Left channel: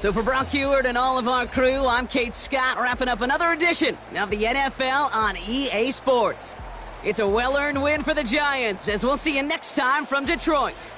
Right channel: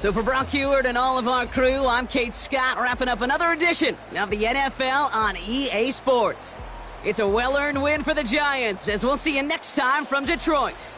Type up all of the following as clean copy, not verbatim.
So for Brock Heward and all of our crew, I'm Kate Scott, wrapping up another edition of the NFL on EA Sports. It's a well-earned win for the Giants, as we'll see you next time from Detroit.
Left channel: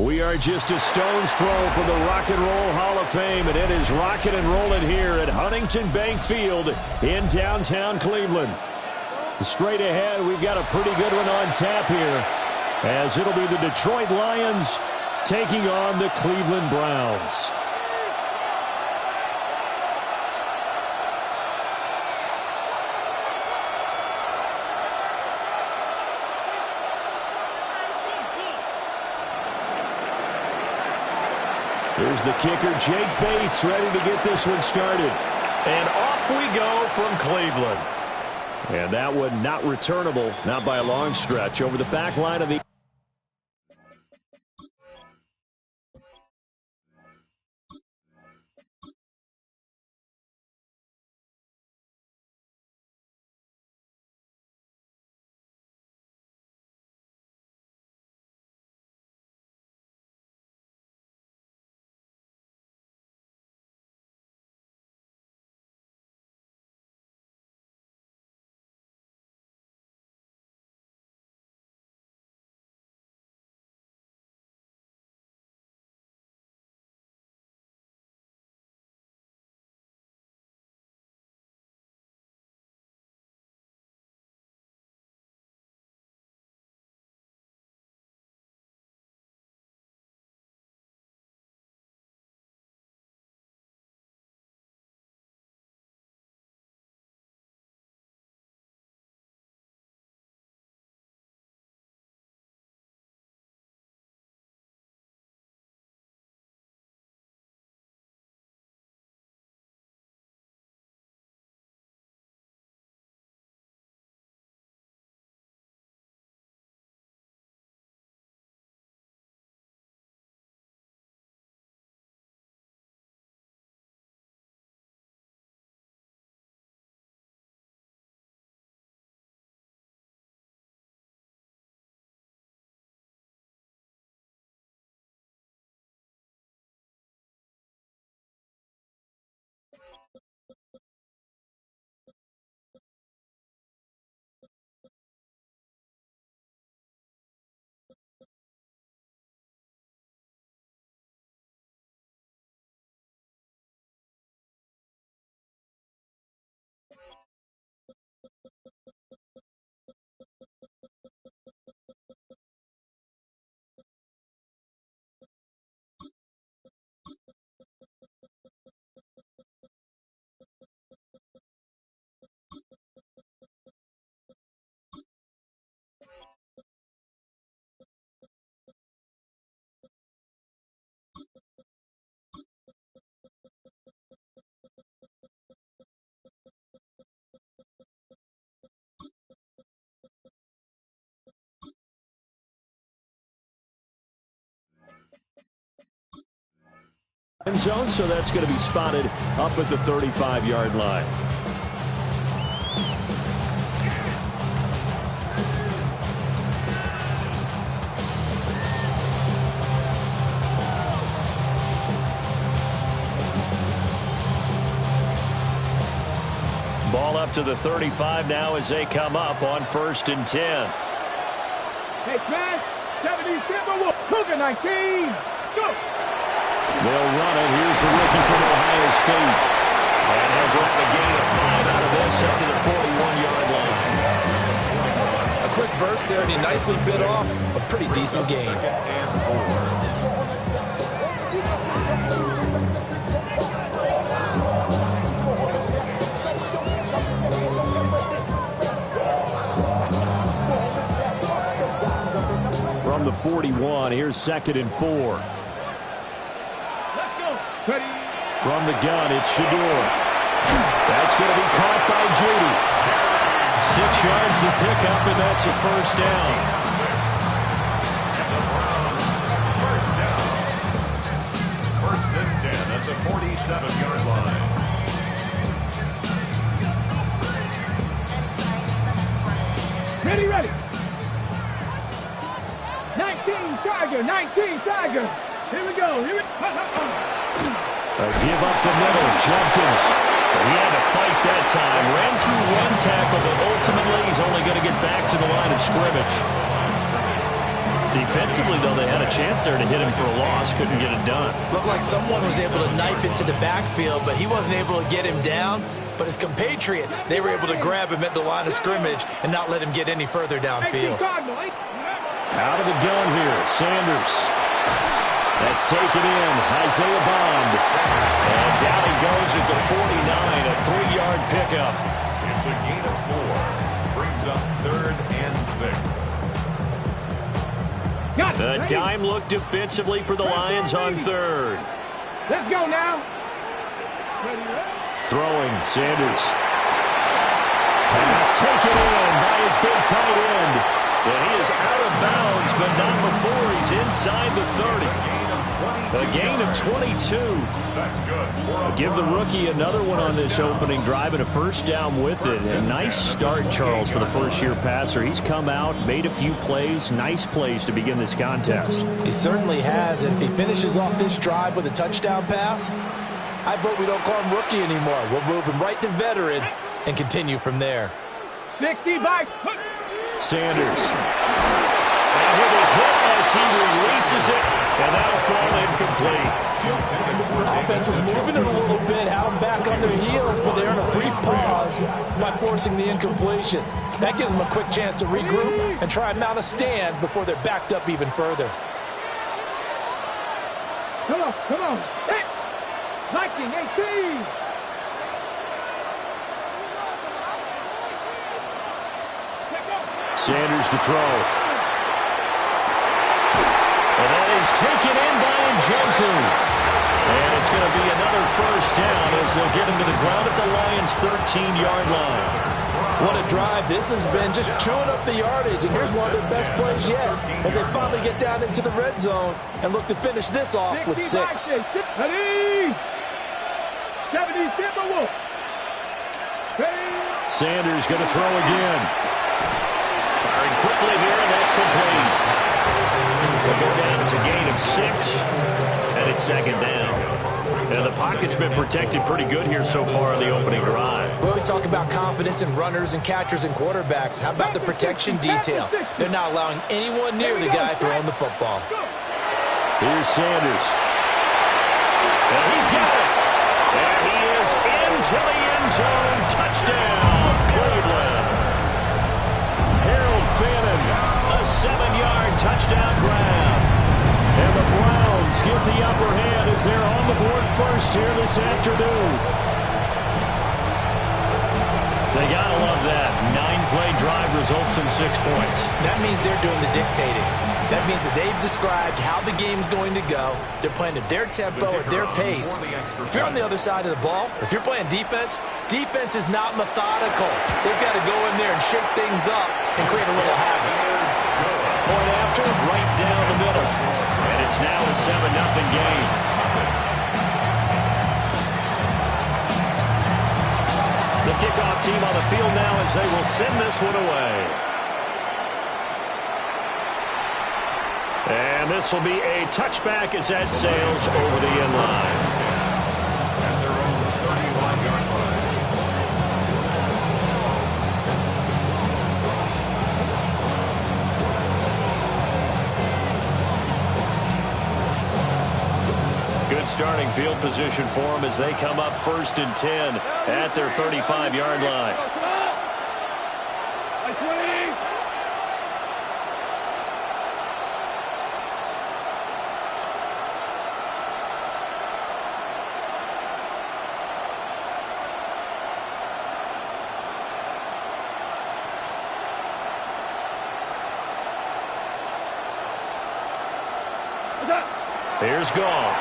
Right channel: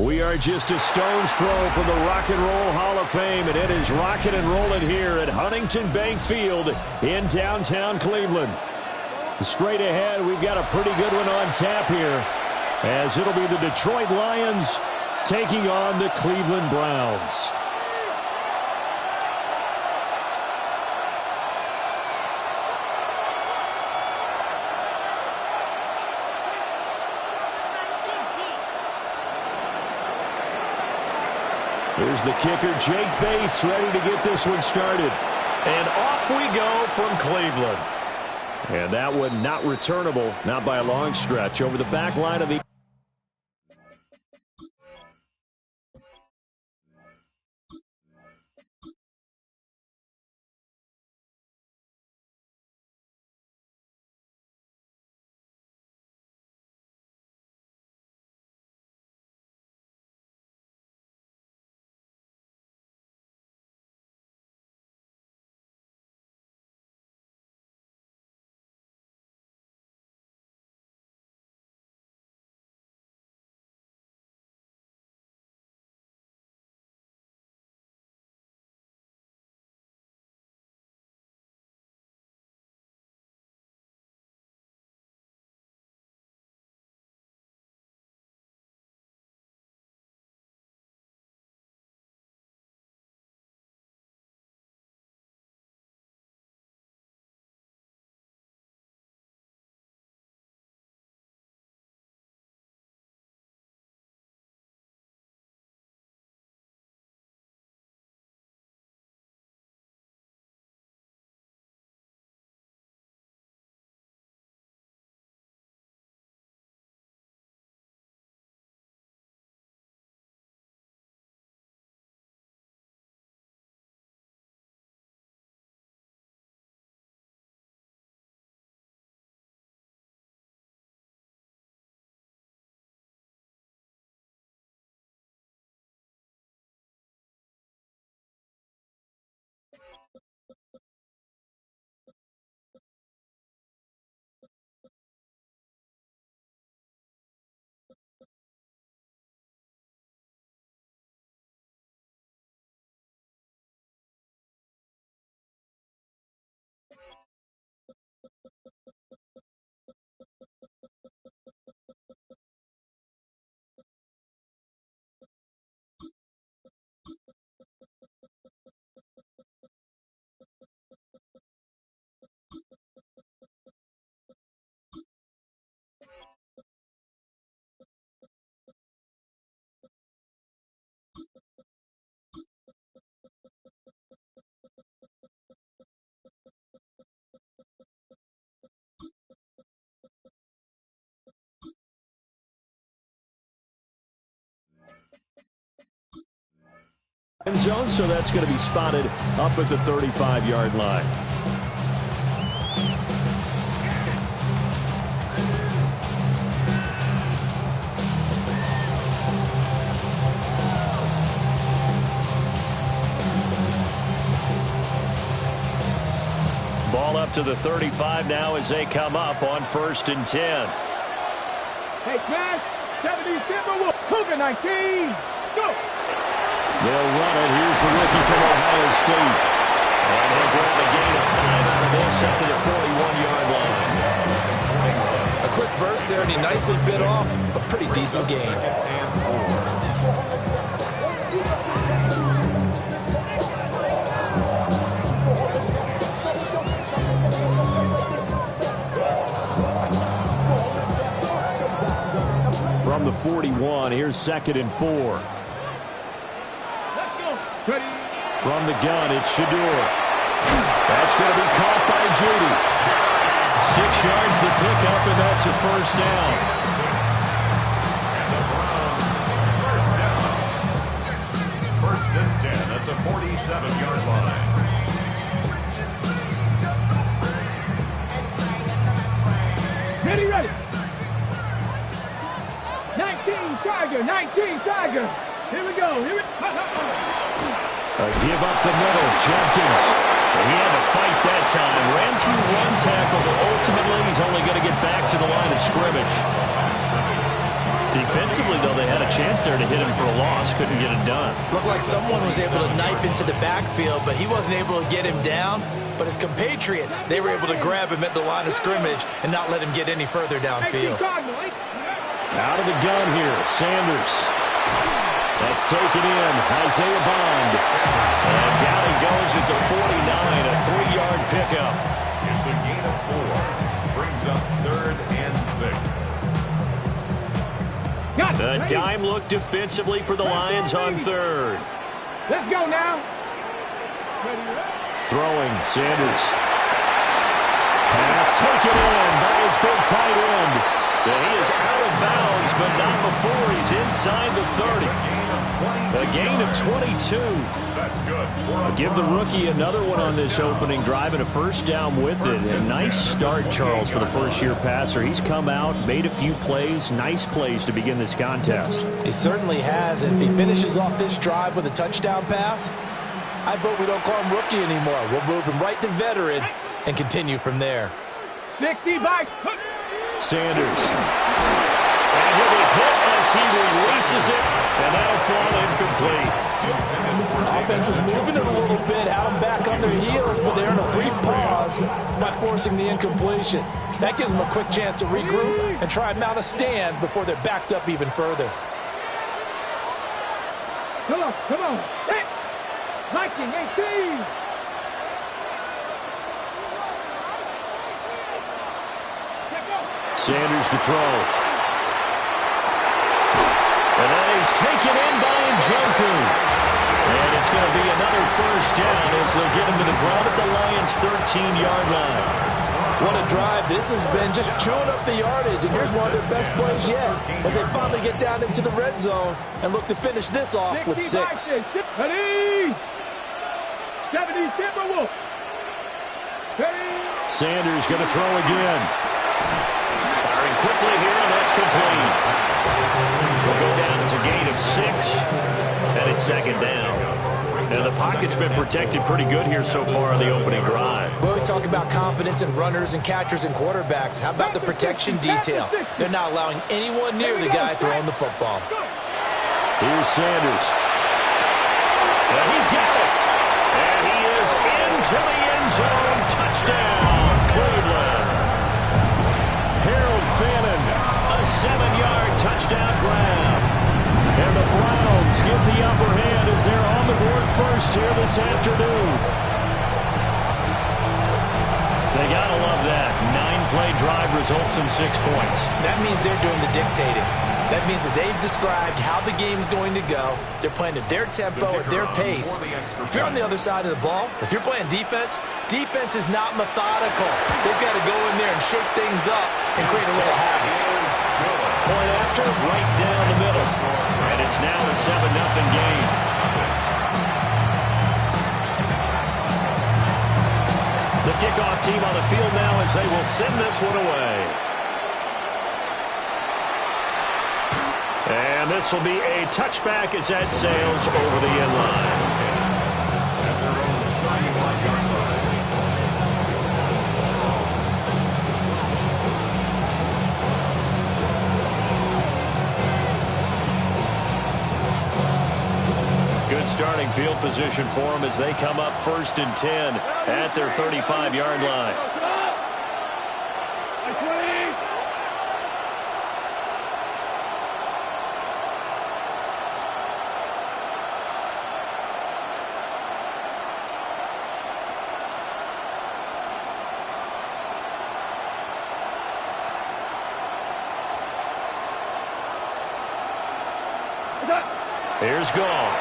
We are just a stone's throw from the Rock and Roll Hall of Fame, and it is rocking and rolling here at Huntington Bank Field in downtown Cleveland. Straight ahead, we've got a pretty good one on tap here, as it'll be the Detroit Lions taking on the Cleveland Browns. Here's the kicker, Jake Bates, ready to get this one started. And off we go from Cleveland. And that one not returnable, not by a long stretch, over the back line of the... end zone, so that's going to be spotted up at the 35-yard line. Ball up to the 35 now as they come up on 1st and 10. Hey, Smash, 70 Timberwolves, Cougar 19, go! They'll run it. Here's the rookie from Ohio State. And he'll grab a gain of 5 out of this up to the 41-yard line. A quick burst there, and he nicely bit off a pretty decent gain. From the 41, here's 2nd and 4. From the gun, it's Shedeur. That's going to be caught by Judy. 6 yards the pickup, and that's a first down. And the Browns, first down. 1st and 10 at the 47-yard line. Ready. 19 Tiger. Here we go. Give up the middle, Jenkins. He had to fight that time. Ran through 1 tackle, but ultimately he's only going to get back to the line of scrimmage. Defensively, though, they had a chance there to hit him for a loss. Couldn't get it done. Looked like someone was able to knife into the backfield, but he wasn't able to get him down. But his compatriots, they were able to grab him at the line of scrimmage and not let him get any further downfield. Out of the gun here, Sanders. That's taken in, Isaiah Bond. And down he goes at the 49, a 3-yard pickup. It's a gain of 4. Brings up 3rd and 6. The dime look defensively for the Lions on 3rd. Let's go now. Throwing, Sanders. Pass taken in by his big tight end. And he is out of bounds, but not before he's inside the 30. A gain of 22. That's good. I'll give the rookie another one on this opening drive and a first down with it. A nice start, Charles, for the first-year passer. He's come out, made a few plays, nice plays to begin this contest. He certainly has. And if he finishes off this drive with a touchdown pass, I vote we don't call him rookie anymore. We'll move him right to veteran and continue from there. 60 back. Sanders. And he'll be hit as he releases it, and that'll fall incomplete. Offense was moving it a little bit, had them back on their heels, but they're in a brief pause by forcing the incompletion. That gives them a quick chance to regroup and try and mount a stand before they're backed up even further. Come on, come on. Set. Viking 18. Sanders to throw. And that is taken in by Njoku. And it's going to be another first down as they'll get him to the ground at the Lions' 13-yard line. What a drive. This has been just chewing up the yardage. And here's one of their best plays yet as they finally get down into the red zone and look to finish this off with 6. 70 Timberwolves. Sanders going to throw again. Firing quickly here, and that's complete. They'll go down. It's a gain of 6, and it's second down. And the pocket's been protected pretty good here so far on the opening drive. We always talk about confidence in runners and catchers and quarterbacks. How about the protection detail? They're not allowing anyone near the guy throwing the football. Here's Sanders. And he's got it. And he is into the end zone. Touchdown, Cleveland. Harold Fannin, a 7-yard touchdown grab. And the Browns get the upper hand as they're on the board first here this afternoon. They gotta love that. 9-play drive results in 6 points. That means they're doing the dictating. That means that they've described how the game's going to go. They're playing at their tempo, at their pace. If you're on the other side of the ball, if you're playing defense, defense is not methodical. They've got to go in there and shake things up and create a little havoc. Point after, right down the middle. And it's now a 7-0 game. The kickoff team on the field now as they will send this one away. And this will be a touchback as that sails over the end line. At their own 31-yard line. Good starting field position for them as they come up 1st and 10 at their 35-yard line. Here's Goff.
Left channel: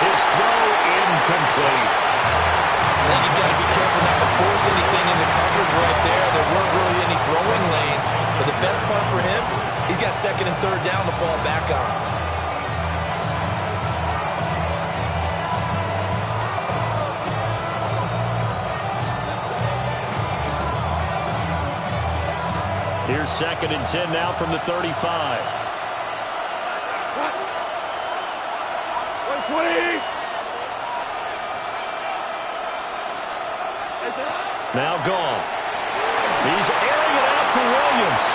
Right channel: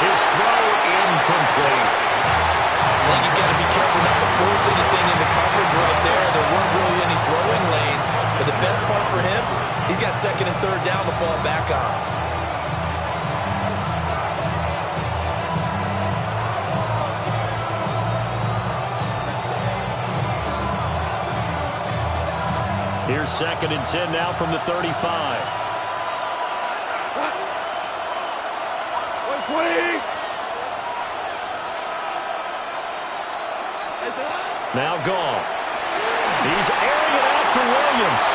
His throw incomplete. I think he's got to be careful not to force anything into coverage right there. There weren't really any throwing lanes. But the best part for him, he's got 2nd and 3rd down to fall back on. Here's 2nd and 10 now from the 35. Now Goff. He's airing it out for Williams.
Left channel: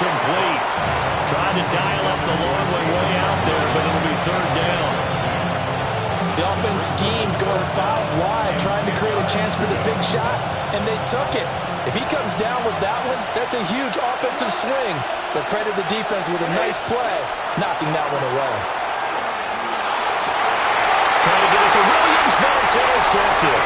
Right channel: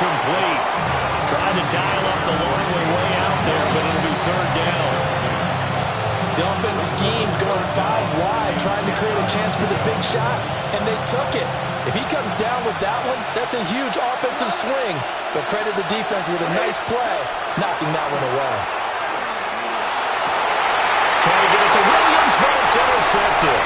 incomplete. Trying to dial up the long way out there, but it'll be third down. The offense schemed going 5 wide, trying to create a chance for the big shot, and they took it. If he comes down with that one, that's a huge offensive swing. But credit the defense with a nice play, knocking that one away. Trying to get it to Williams, but it's intercepted.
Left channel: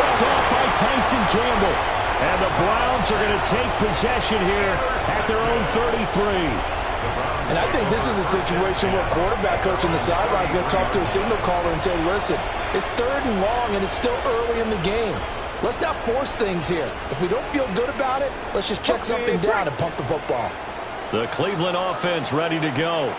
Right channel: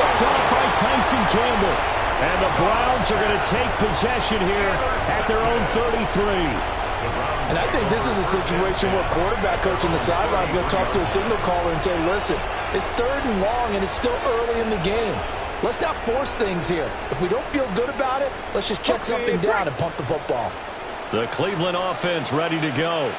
Picked off by Tyson Campbell. And the Browns are going to take possession here at their own 33. And I think this is a situation where quarterback coach on the sideline is going to talk to a signal caller and say, listen, it's 3rd and long, and it's still early in the game. Let's not force things here. If we don't feel good about it, let's just check something down and punt the football. The Cleveland offense ready to go.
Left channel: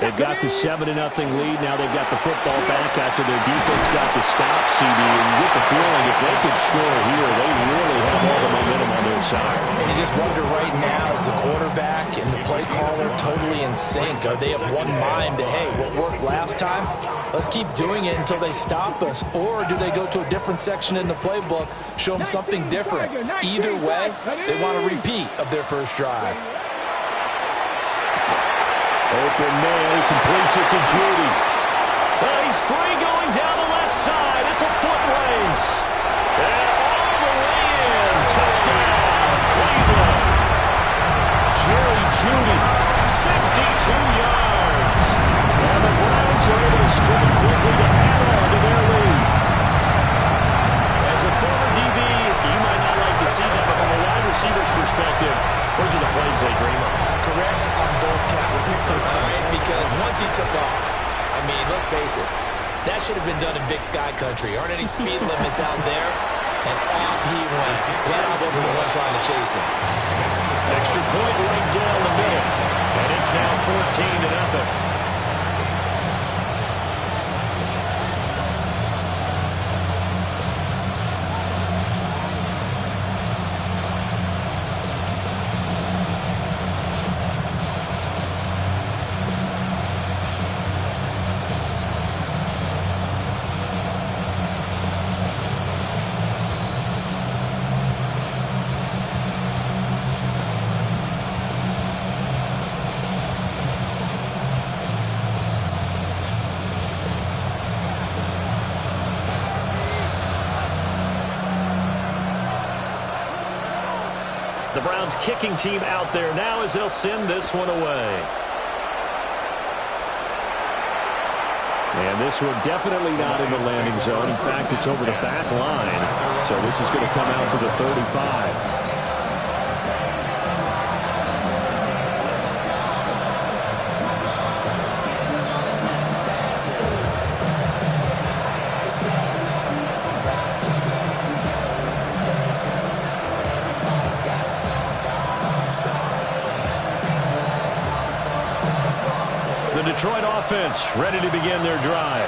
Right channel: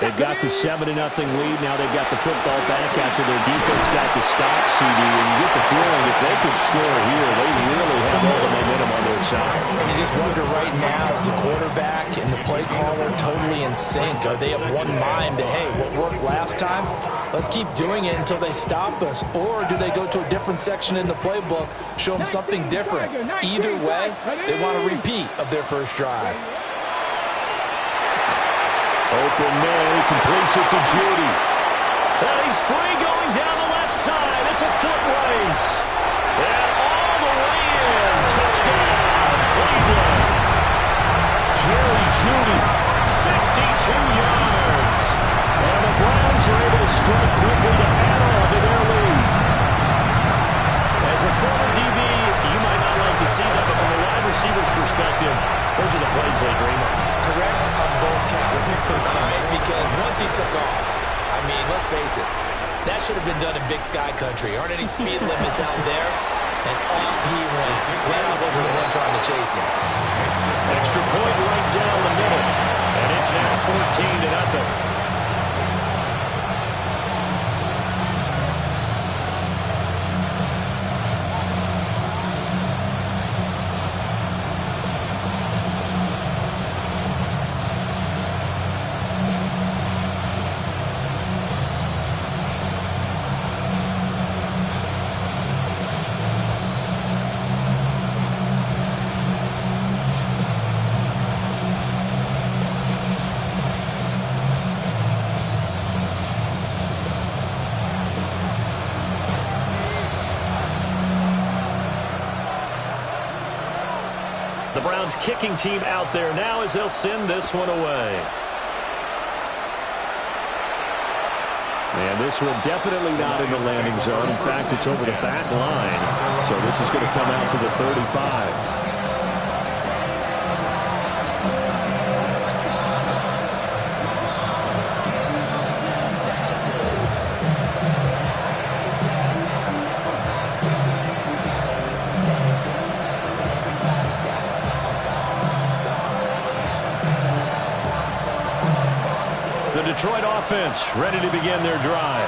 They've got the 7-0 lead. Now they've got the football back after their defense got the stop, CD. And you get the feeling if they could score here, they really have all the momentum on their side. And you just wonder right now, is the quarterback and the play caller totally in sync? Are they of one mind that, hey, what worked last time, let's keep doing it until they stop us? Or do they go to a different section in the playbook, show them something different? Either way, they want a repeat of their first drive. Open man, he completes it to Judy. And he's free going down the left side. It's a foot race. And all the way in. Touchdown, Cleveland. Jerry Judy, 62 yards. And the Browns are able to strike quickly to add on to their lead. As a former DB, you might not like to see that, but from a wide receiver's perspective, those are the plays they dream of. Correct on both counts, all right? Because once he took off, I mean, let's face it, that should have been done in Big Sky Country. Aren't any speed limits out there? And off he went. Glad I wasn't the one trying to chase him. Extra point right down the middle. And it's now 14-0. The Browns kicking team out there now as they'll send this one away. And this one definitely not in the landing zone. In fact, it's over the back line. So this is going to come out to the 35. Detroit offense ready to begin their drive.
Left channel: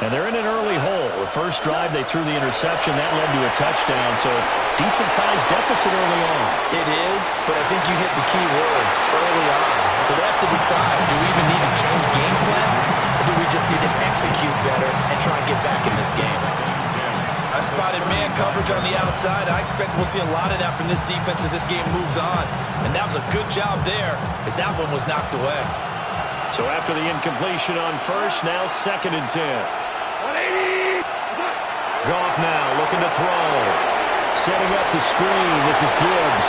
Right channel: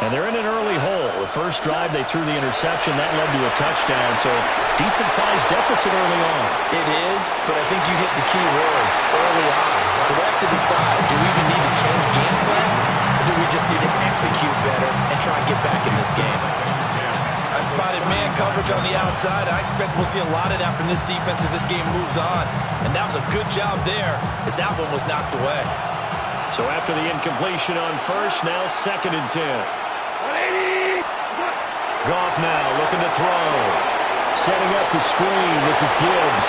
And they're in an early hole. The first drive, they threw the interception. That led to a touchdown, so decent-sized deficit early on. It is, but I think you hit the key words early on. So they have to decide, do we even need to change game plan, or do we just need to execute better and try and get back in this game? I spotted man coverage on the outside. I expect we'll see a lot of that from this defense as this game moves on. And that was a good job there as that one was knocked away. So after the incompletion on first, now 2nd and 10. 180. Goff now looking to throw. Setting up the screen. This is Gibbs.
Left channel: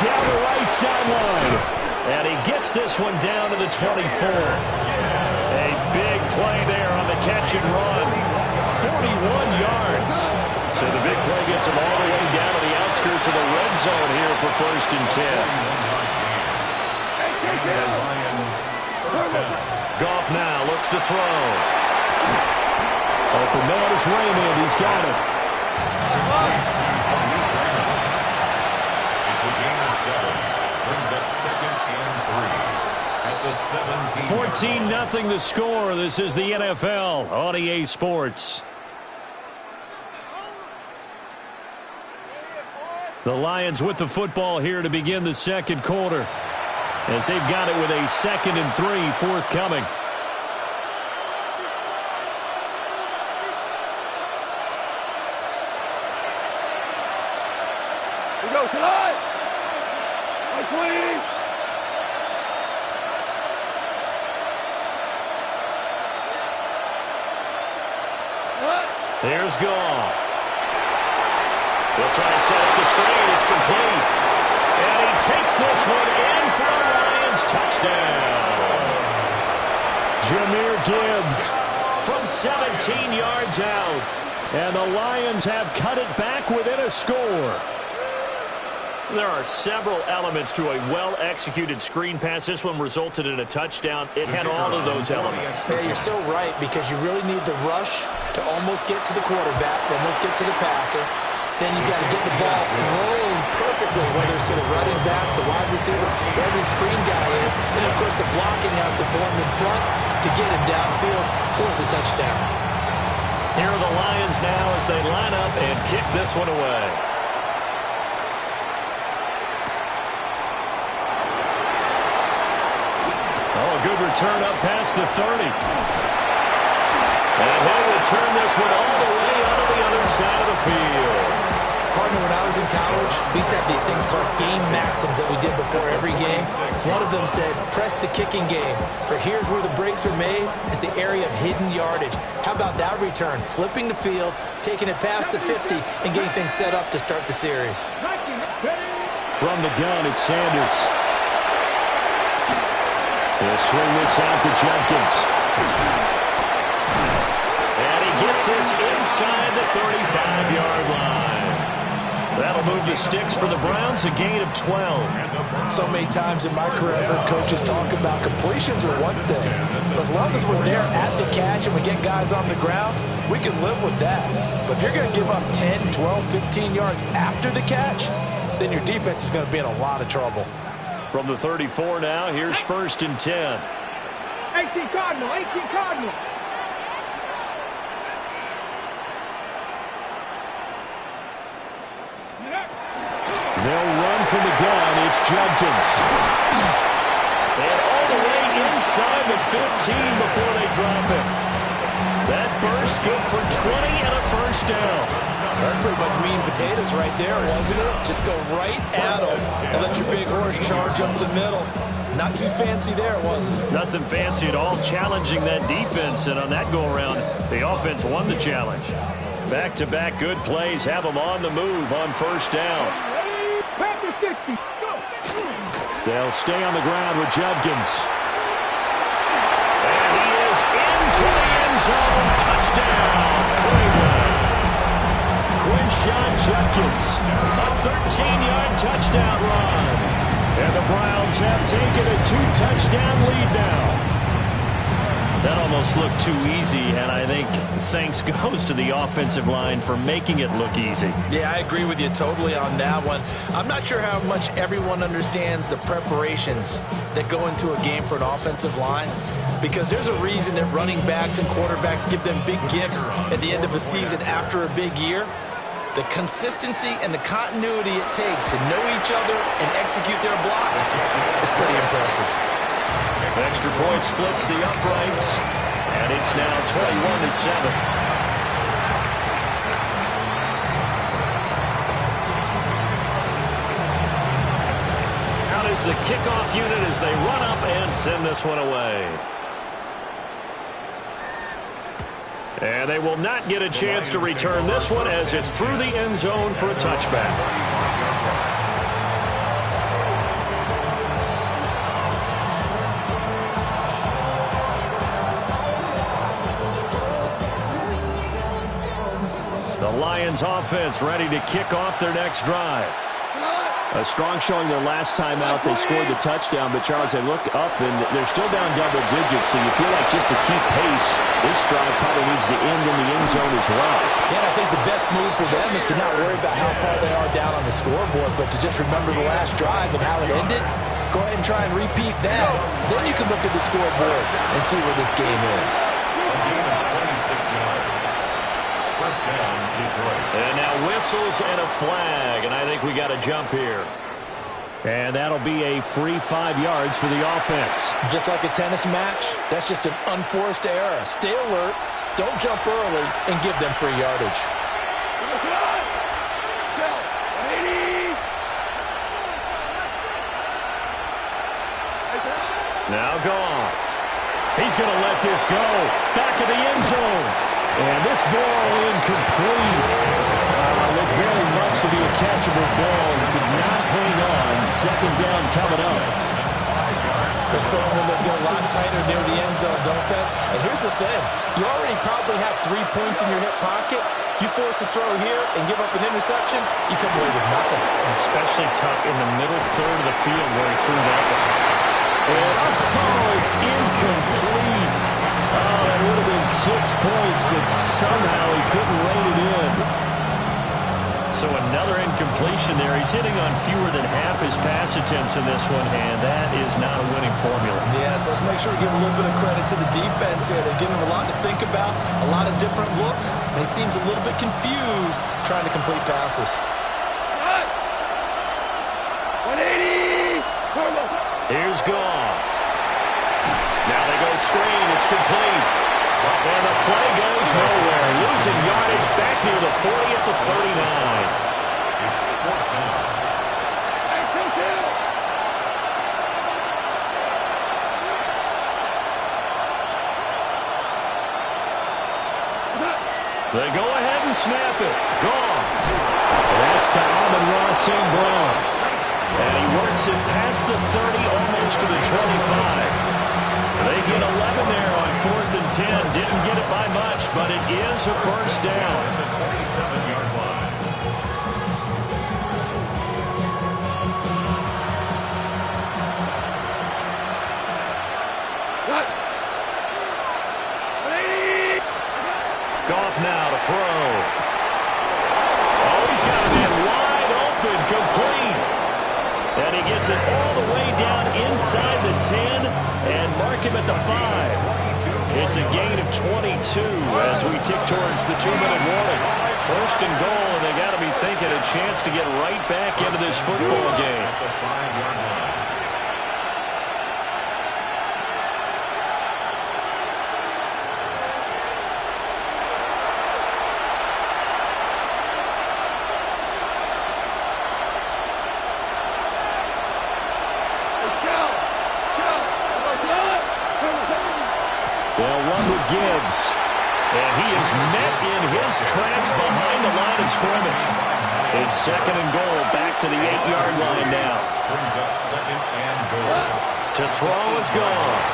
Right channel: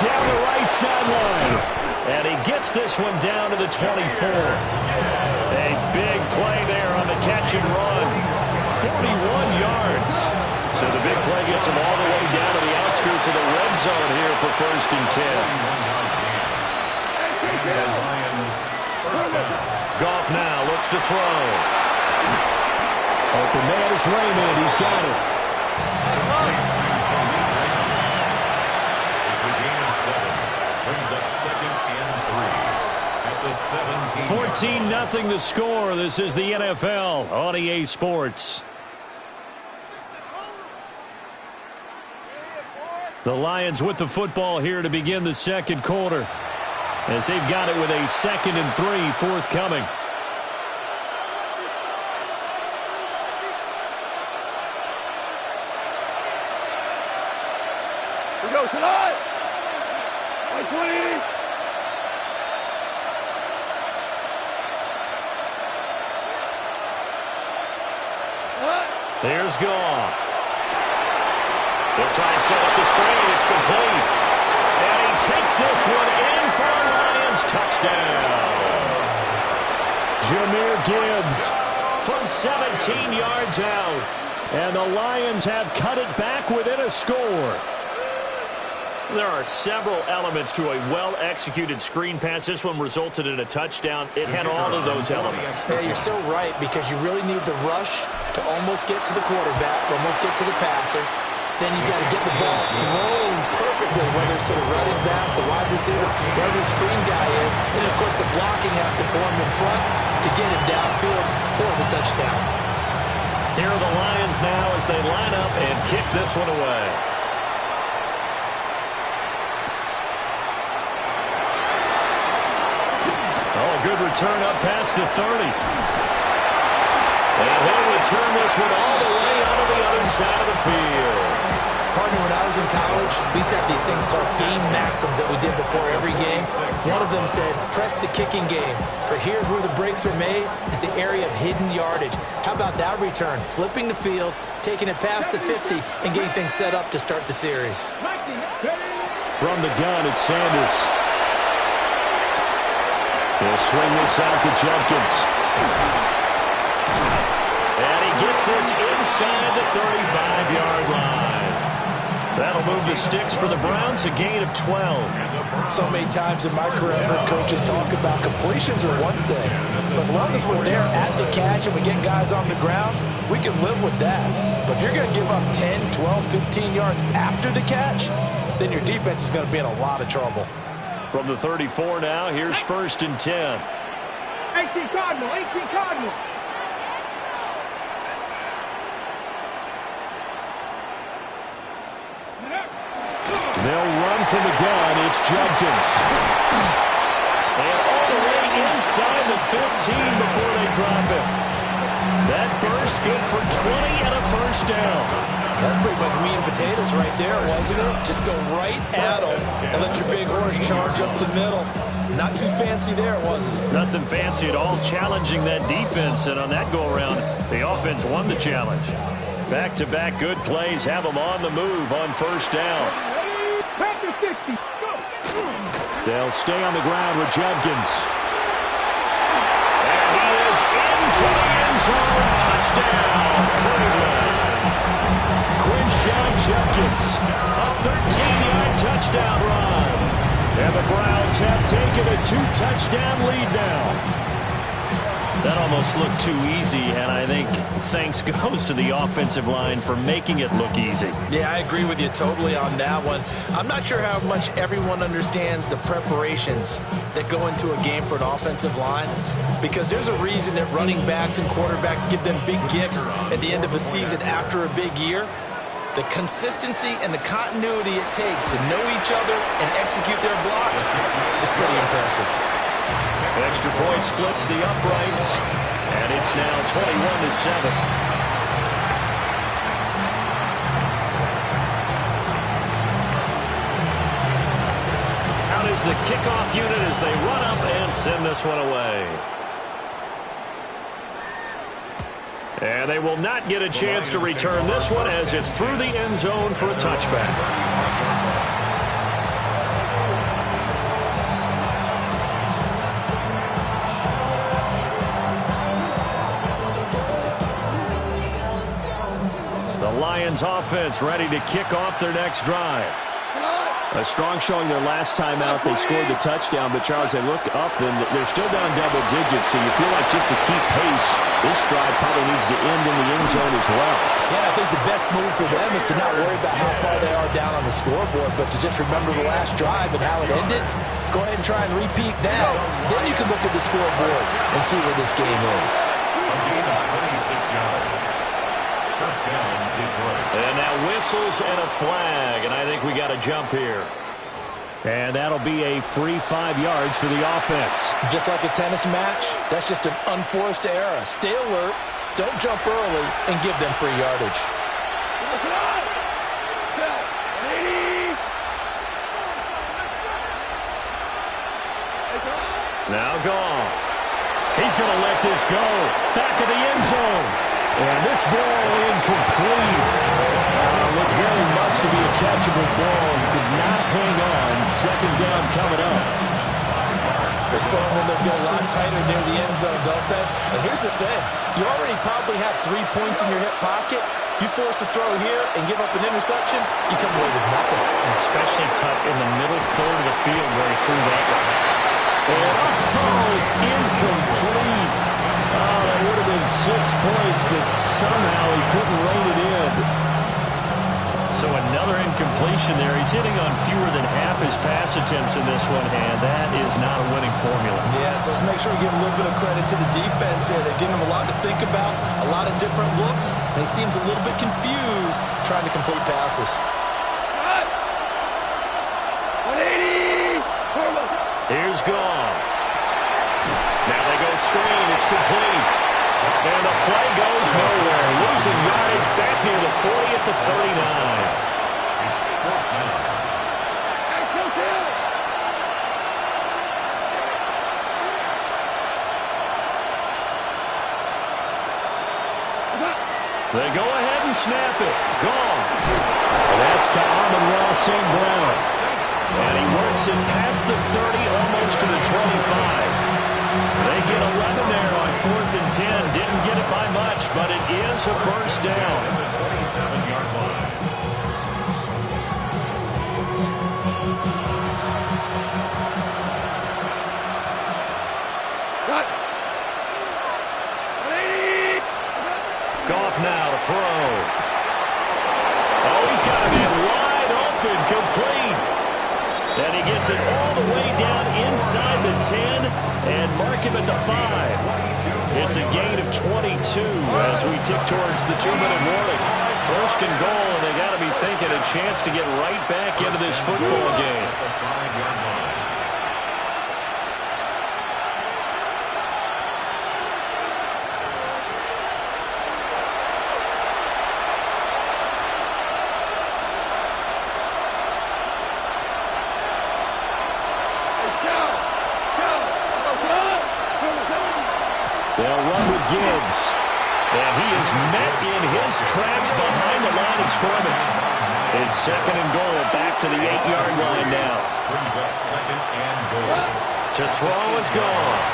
Down the right sideline. And he gets this one down to the 24. A big play there on the catch and run. 41 yards. So the big play gets him all the way down to the outskirts of the red zone here for 1st and 10. Goff now looks to throw. Open man is Raymond. He's got it. It's a gain of 7. Brings up 2nd and 3 at the 17. 14-0 the score. This is the NFL on EA Sports. The Lions with the football here to begin the second quarter, as they've got it with a 2nd and 3 forthcoming. We go tonight. 20. There's Goff. He'll try and set up the screen. It's complete. And he takes this one in for a Lions touchdown. Jahmyr Gibbs from 17 yards out. And the Lions have cut it back within a score. There are several elements to a well-executed screen pass. This one resulted in a touchdown. It had all of those elements. Yeah, you're so right, because you really need the rush to almost get to the quarterback, almost get to the passer. Then you got to get the ball thrown perfectly, whether it's to the running back, the wide receiver, whoever the screen guy is. And, of course, the blocking has to form in front to get him downfield for the touchdown. Here are the Lions now as they line up and kick this one away. Oh, a good return up past the 30. And he'll return this one all the way onto the other side of the field. Partner, when I was in college, we used to have these things called game maxims that we did before every game. One of them said, press the kicking game. For here's where the breaks are made, is the area of hidden yardage. How about that return? Flipping the field, taking it past the 50, and getting things set up to start the series. From the gun, it's Sanders. He'll swing this out to Judkins. And he gets this inside the 35-yard line. That'll move the sticks for the Browns, a gain of 12. So many times in my career, I've heard coaches talk about completions are one thing. But as long as we're there at the catch and we get guys on the ground, we can live with that. But if you're going to give up 10, 12, 15 yards after the catch, then your defense is going to be in a lot of trouble. From the 34 now, here's 1st and 10. 18 Cardinal, 18 Cardinal. They'll run from the gun. It's Judkins. And all the way inside the 15 before they drop him. That burst good for 20 and a first down. That's pretty much meat and potatoes right there, wasn't it? Just go right at them and let your big horse charge up the middle. Not too fancy there, was it? Nothing fancy at all, challenging that defense. And on that go-around, the offense won the challenge. Back-to-back good plays have them on the move on first down. Panther 60. Go. They'll stay on the ground with Judkins. And he is into the end zone. Touchdown, Cleveland. Quinshon Judkins, a 13-yard touchdown run. And the Browns have taken a 2-touchdown lead now. That almost looked too easy, and I think thanks goes to the offensive line for making it look easy. Yeah, I agree with you totally on that one. I'm not sure how much everyone understands the preparations that go into a game for an offensive line, because there's a reason that running backs and quarterbacks give them big gifts at the end of a season after a big year. The consistency and the continuity it takes to know each other and execute their blocks is pretty impressive. Extra point splits the uprights, and it's now 21-7. Out is the kickoff unit as they run up and send this one away. And they will not get a chance to return this one as it's through the end zone for a touchback. The Lions offense ready to kick off their next drive. A strong showing their last time out. They scored the touchdown, but Charles, they look up and they're still down double digits, so you feel like just to keep pace, this drive probably needs to end in the end zone as well. Yeah, and I think the best move for them is to not worry about how far they are down on the scoreboard, but to just remember the last drive and how it ended. Go ahead and try and repeat that. Then you can look at the scoreboard and see where this game is. A gain of 26 yards. First down, Detroit. And now whistles and a flag, and I think we got a jump here. And that'll be a free 5 yards for the offense. Just like a tennis match, that's just an unforced error. Stay alert, don't jump early, and give them free yardage. Now Goff. He's going to let this go. Back of the end zone. And this ball incomplete. Looked very much to be a catchable ball. He could not hang on. Second down coming up. Those throwing windows get a lot tighter near the end zone, don't they? And here's the thing. You already probably have 3 points in your hip pocket. You force a throw here and give up an interception, you come away with nothing. Especially tough in the middle third of the field where he threw that one. And it's incomplete. Oh, that would have been 6 points, but somehow he couldn't rein it in. So another incompletion there. He's hitting on fewer than half his pass attempts in this one, and that is not a winning formula. Yeah, so let's make sure we give a little bit of credit to the defense here. They've given him a lot to think about, a lot of different looks, and he seems a little bit confused trying to complete passes. 180. Here's Goff. Now they go screen. It's complete. And the play goes nowhere. Losing yardage back near the 40 at the 39. It's fourth down. They go ahead and snap it. Goff. And that's to Amon-Ra St. Brown. And he works it past the 30, almost to the 25. They get 11 there on 4th and 10. Didn't get it by much, but it is a first down. At the 27-yard line. Goff now to throw. Oh, he's got a man wide open, complete. And he gets it all the way down inside the 10 and mark him at the 5. It's a gain of 22 as we tick towards the 2-minute warning. First and goal, and they got to be thinking a chance to get right back into this football game. At the 5-yard line. They'll run with Gibbs. And he is met in his tracks behind the line of scrimmage. It's second and goal, back to the 8-yard line now. Brings up second and goal. To throw is Goff.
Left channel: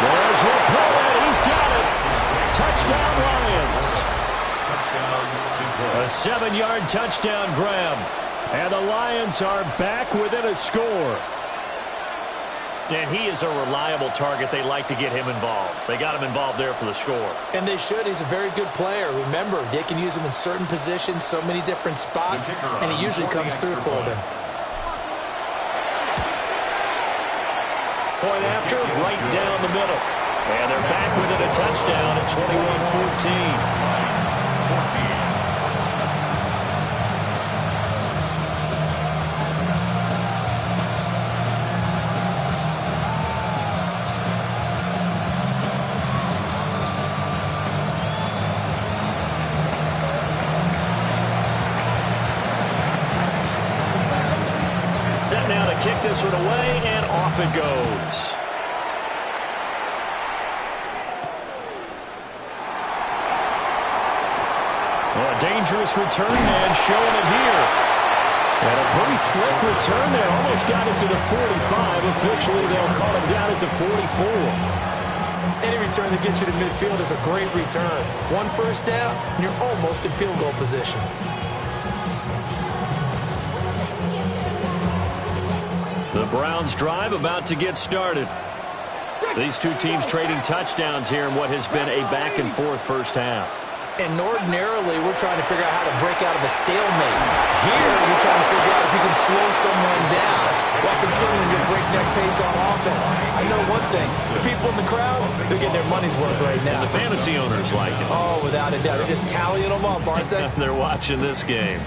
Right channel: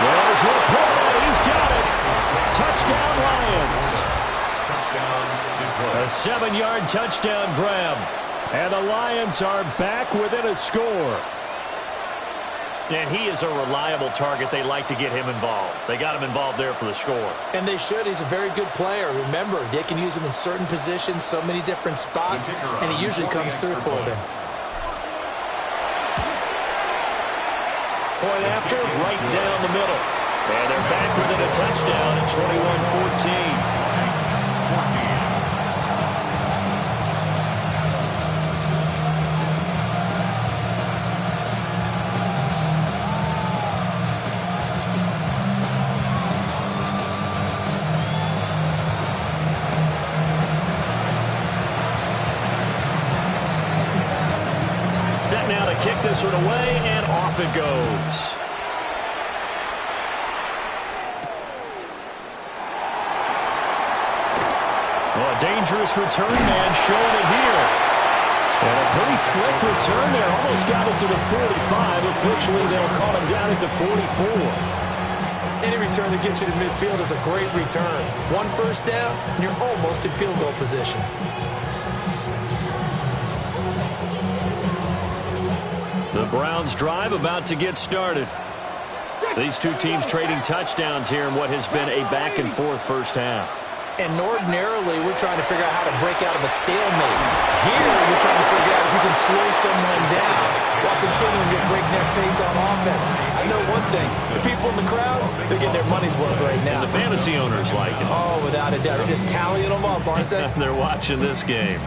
There's Laporta. He's got it. Touchdown, Lions. Touchdown, Detroit. A 7-yard touchdown grab. And the Lions are back within a score. And he is a reliable target. They like to get him involved. They got him involved there for the score. And they should. He's a very good player. Remember, they can use him in certain positions, so many different spots, and he usually comes through for them. Point after, right down the middle. And they're back within a touchdown at 21-14. Lions, 14. Set now to kick this one away, and off it goes. Oh, a dangerous return man showing it here. And a pretty slick return there. Almost got it to the 45. Officially, they'll call him down at the 44. Any return that gets you to midfield is a great return. 1 first down, and you're almost in field goal position. The Browns drive about to get started. These two teams trading touchdowns here in what has been a back-and-forth first half. And ordinarily, we're trying to figure out how to break out of a stalemate. Here, you're trying to figure out if you can slow someone down while continuing your breakneck pace on offense. I know one thing. The people in the crowd, they're getting their money's worth right now. And the fantasy owners like it. Oh, without a doubt. They're just tallying them up, aren't they? They're watching this game.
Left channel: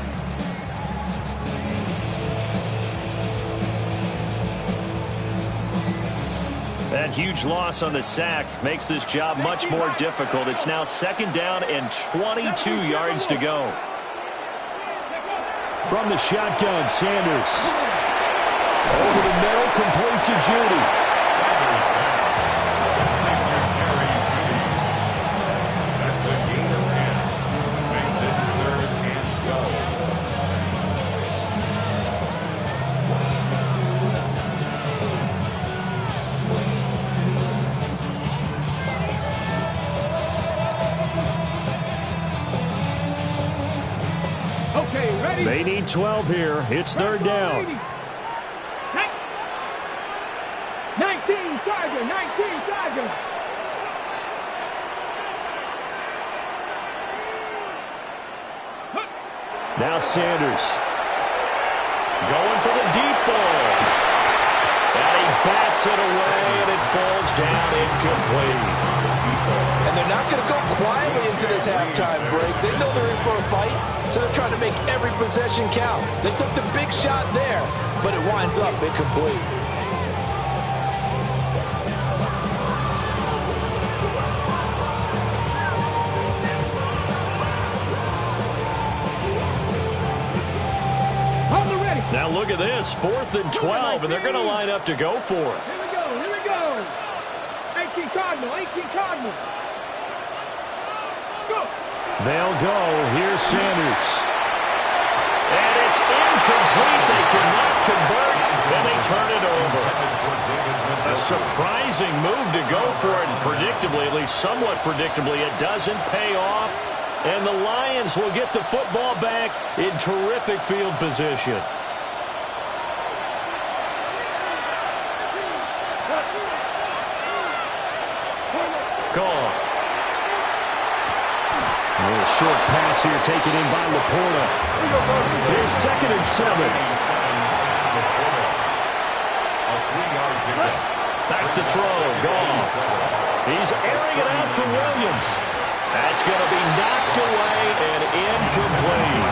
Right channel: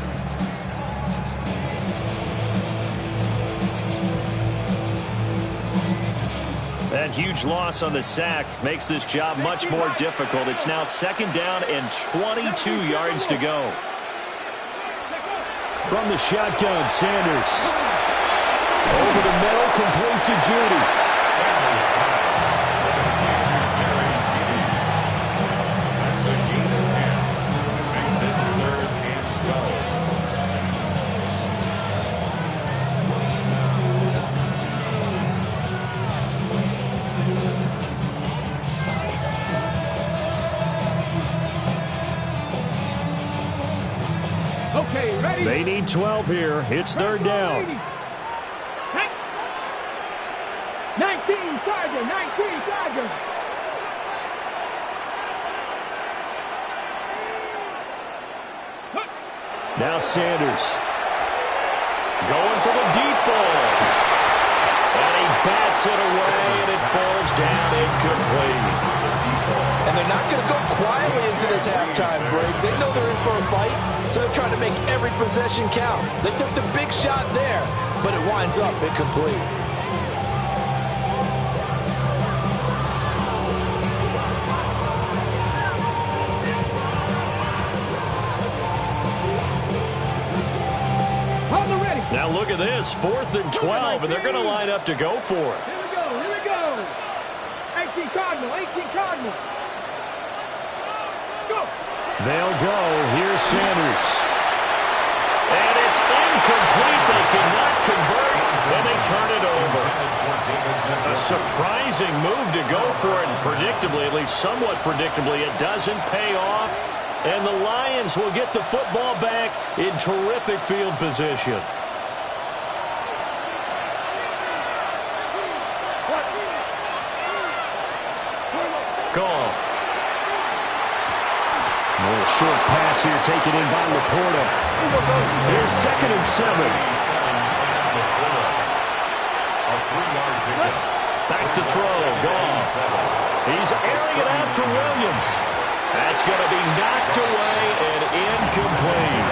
That huge loss on the sack makes this job much more difficult. It's now second down and 22 yards to go. From the shotgun, Sanders. Over the middle, complete to Judy. Sanders pass. Complete to Jerry Judy. That's a gain of 10. Makes it 3rd and 12. Okay, ready? They need 12 here. It's 3rd down. 19, Tiger, 19, Tiger. Now Sanders. Going for the deep ball. And he bats it away, and it falls down incomplete. And they're not going to go quietly into this halftime break. They know they're in for a fight, so they're trying to make every possession count. They took the big shot there, but it winds up incomplete. Now look at this, 4th and 12, and they're going to line up to go for it. Here we go, here we go. 18 Cardinal, 18 Cardinal. Let's go. They'll go. Here's Sanders. And it's incomplete. They cannot convert, and they turn it over. A surprising move to go for it, and predictably, at least somewhat predictably, it doesn't pay off. And the Lions will get the football back in terrific field position. Goff. A little short pass here taken in by Laporta. Here's 2nd and 7. A 3-yard pickup. Back to throw. Goff. He's airing it out for Williams. That's going to be knocked away and incomplete.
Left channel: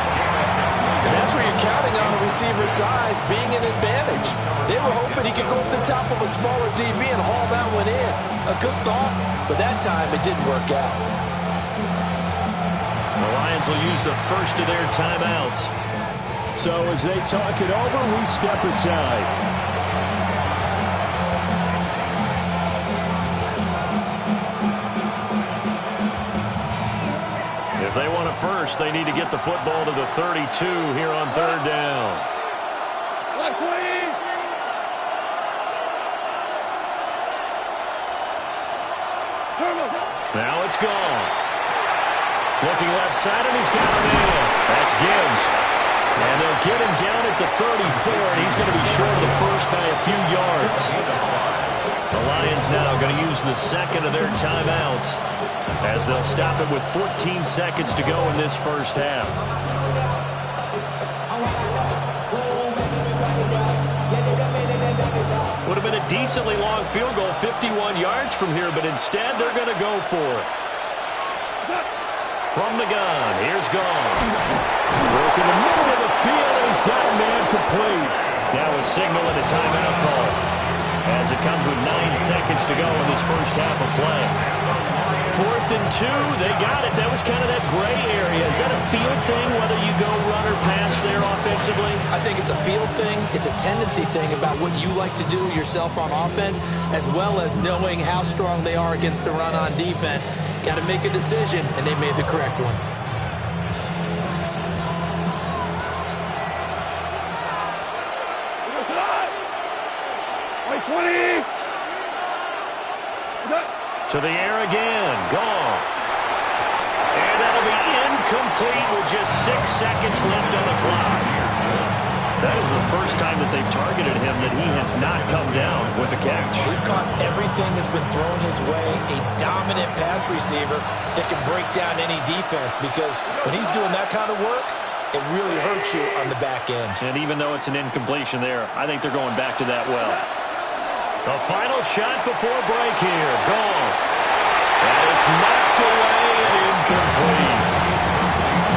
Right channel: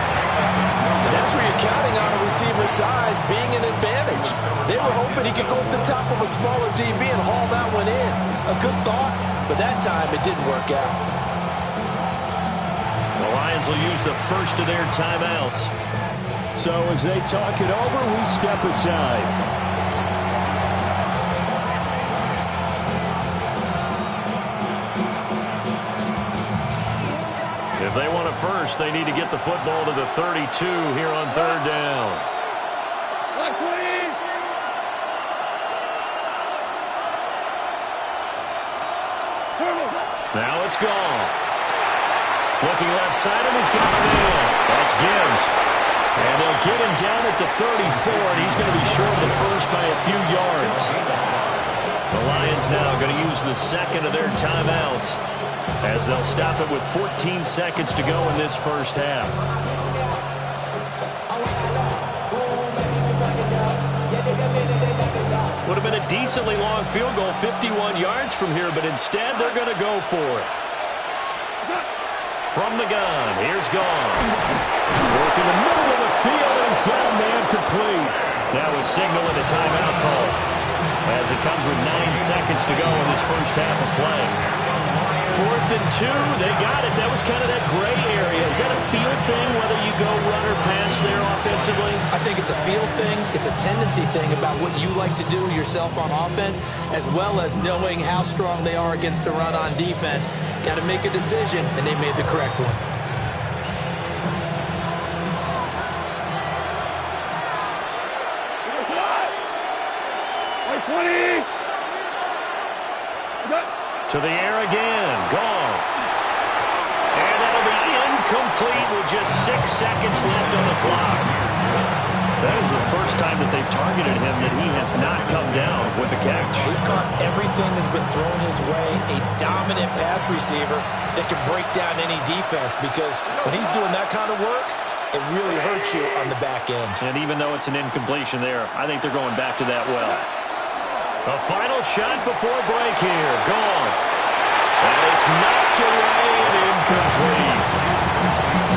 And that's where you're counting on a receiver's size being an advantage. They were hoping he could go up the top of a smaller DB and haul that one in. A good thought, but that time it didn't work out. The Lions will use the first of their timeouts. So as they talk it over, we step aside. If they want it first, they need to get the football to the 32 here on 3rd down. Now it's Goff. Looking left side, and he's got him in. That's Gibbs. And they'll get him down at the 34, and he's going to be short of the first by a few yards. The Lions now going to use the 2nd of their timeouts as they'll stop it with 14 seconds to go in this first half. Would have been a decently long field goal, 51 yards from here, but instead they're going to go for it. From the gun, here's Goff. Work in the middle of the field, and he's got a man complete. Now a signal and a timeout call as it comes with 9 seconds to go in this first half of play. 4th and 2, they got it. That was kind of that gray area. Is that a feel thing, whether you go run or pass there offensively? I think it's a feel thing. It's a tendency thing about what you like to do yourself on offense, as well as knowing how strong they are against the run on defense. Got to make a decision, and they made the correct one. To the air again, Goff. And that'll be incomplete with just 6 seconds left on the clock. That is the first time that they've targeted him that he has not come down with a catch. He's caught everything that's been thrown his way, a dominant pass receiver that can break down any defense, because when he's doing that kind of work, it really hurts you on the back end. And even though it's an incompletion there, I think they're going back to that well. A final shot before break here. Goff. And it's knocked away and incomplete.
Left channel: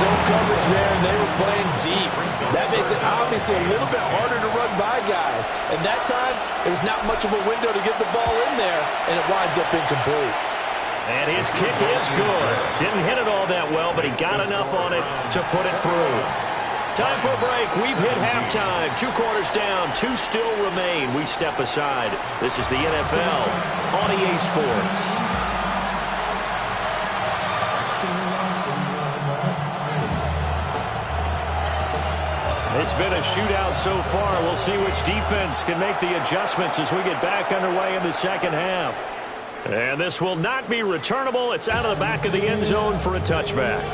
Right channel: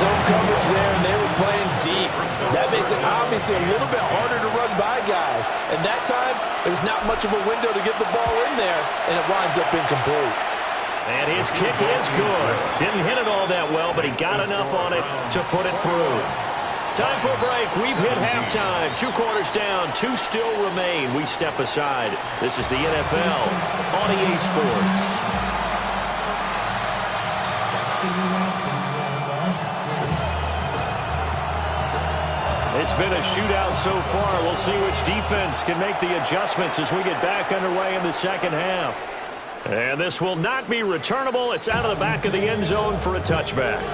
Zone coverage there, and they were playing deep. That makes it obviously a little bit harder to run by guys. And that time, there was not much of a window to get the ball in there, and it winds up incomplete. And his kick is good. Didn't hit it all that well, but he got enough on it to put it through. Time for a break. We've hit halftime. 2 quarters down. 2 still remain. We step aside. This is the NFL on EA Sports. It's been a shootout so far. We'll see which defense can make the adjustments as we get back underway in the second half. And this will not be returnable. It's out of the back of the end zone for a touchback.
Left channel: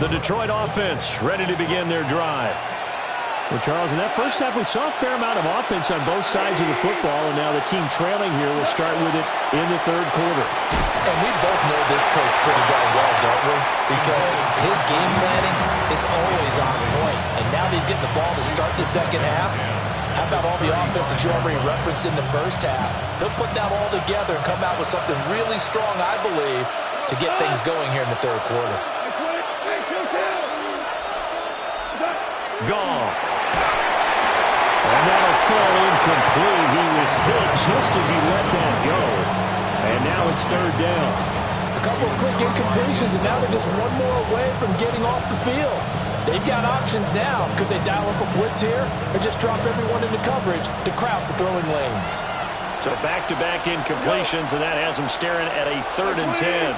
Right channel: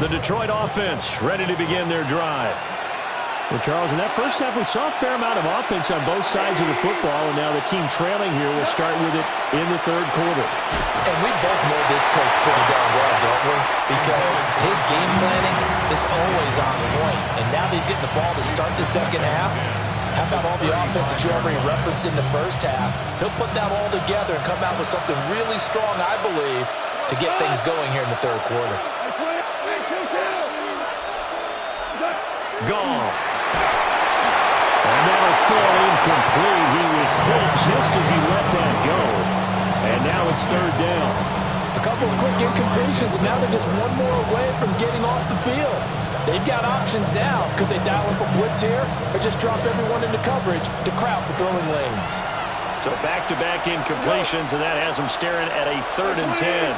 The Detroit offense ready to begin their drive. Well, Charles, in that first half, we saw a fair amount of offense on both sides of the football, and now the team trailing here will start with it in the third quarter. And we both know this coach pretty darn well, don't we? Because his game planning is always on point, and now that he's getting the ball to start the second half, how about all the offense that you already referenced in the first half? He'll put that all together and come out with something really strong, I believe, to get things going here in the third quarter. Goff. And that'll fall incomplete. He was hit just as he let that go. And now it's third down. A couple of quick incompletions, and now they're just one more away from getting off the field. They've got options now. Could they dial up a blitz here or just drop everyone into coverage to crowd the throwing lanes? So back-to-back incompletions, and that has them staring at a 3rd and 10.